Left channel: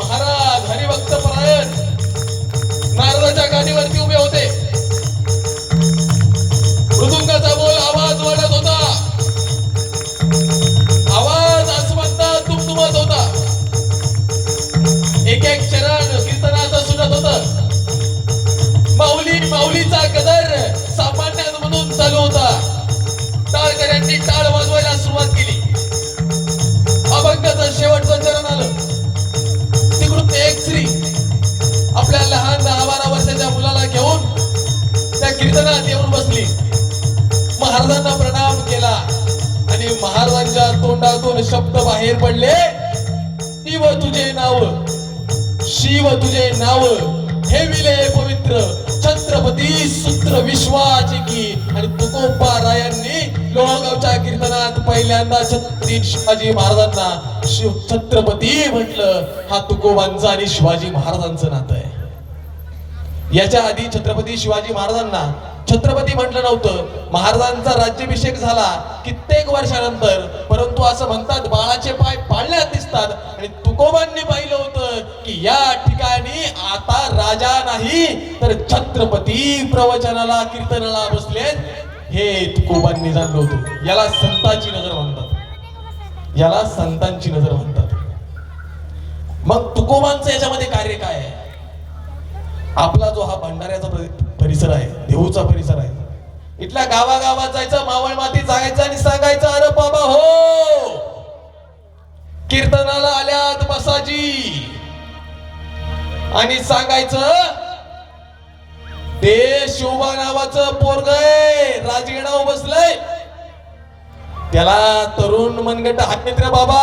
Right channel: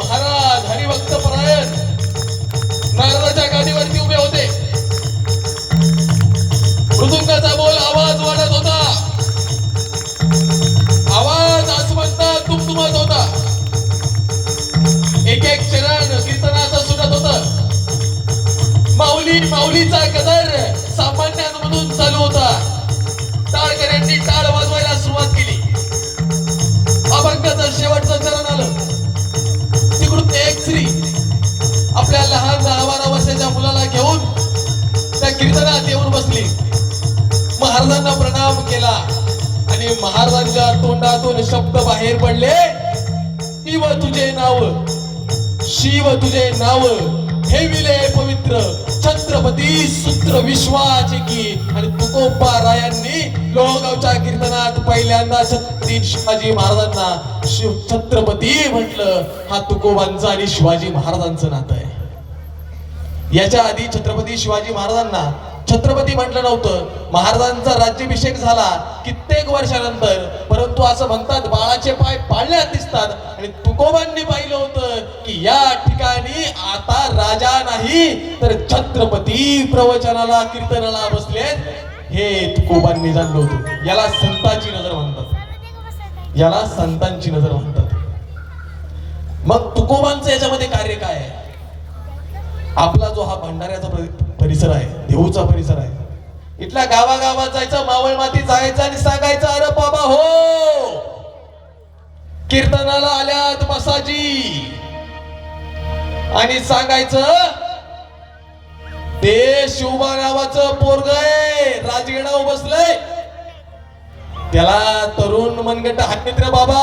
महाराज हरिभक्त परायण. नारदाच्या गाडीवरती उभे होते. मृदुंगाचा बोल आवाज वाढत होता. आवाज आसमंत तुमतुमत होता. एक एक चरण कीर्तनाचा सुटत होत. माऊली माऊलीचा कीर्तनात येऊन बसली. महाराजांना प्रणाम केला. आणि महाराजांच्या तोंडातून शब्द बाहेर पडले. शिव तुझे नाव शिव तुझे नाव ठेविले पवित्र छत्रपती सूत्र विश्वाची की. आणि तुकोबा रायांनी लोहगावच्या कीर्तनात पहिल्यांदा छत्रपती शिवाजी महाराजांना शिव छत्रपती म्हटलं. हा तुकोबांचा आणि शिवाजी महाराजांचं नातं आहे. याच्या आधी छत्रपती शिवाजी महाराजांना छत्रपती म्हटलं नव्हतं. महाराजांचा राज्याभिषेक झाला कित्येक वर्षानंतर. परंतु असं म्हणतात बाळाचे पाय पाळण्यात दिसतात. आणि तुकोबांनी पाहिलं होतं की या ठिकाणी आता राजा नाही तर छत्रपती प्रवचनाला कीर्तनाला बसले. हे तुकोबांनी जाणलं होतं. याला संतांची नजर म्हणतात. याला संतांची नजर म्हणतात. मग तुकोबांचं याच्यामध्ये कार्य काय आहे? आपला जो हा भंडाऱ्याचा परिसर आहे देऊचा परिसर आहे इथल्या गावागावात जायचं मावळ माती जायचं आणि सांगायचं अरे बाबा हो! कीर्तनाला आल्यात बसाजी. आणि सांगायचं ते शिवबा नावाचं पोरग आहे राजगिणाव बसलंय. त्याला तरुण मनगट हात रे बाबा.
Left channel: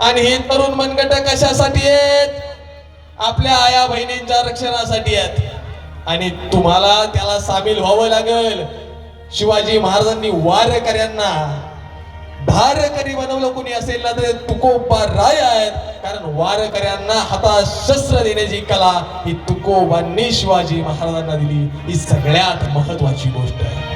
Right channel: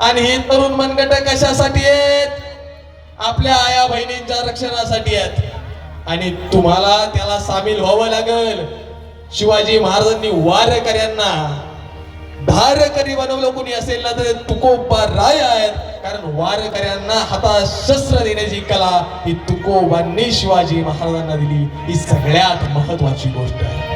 आणि हे तरुण मनगट कशासाठी आहेत? आपल्या आया बहिणींच्या रक्षणासाठी आहेत. आणि तुम्हाला त्याला सामील व्हावं लागेल. शिवाजी महाराजांनी वारकऱ्यांना धारकरी बनवलं. कोणी असेल ना तर तुकोबा राय आहेत. कारण वारकऱ्यांना हातात शस्त्र देण्याची कला ही तुकोबांनी शिवाजी महाराजांना दिली. ही सगळ्यात महत्वाची गोष्ट आहे.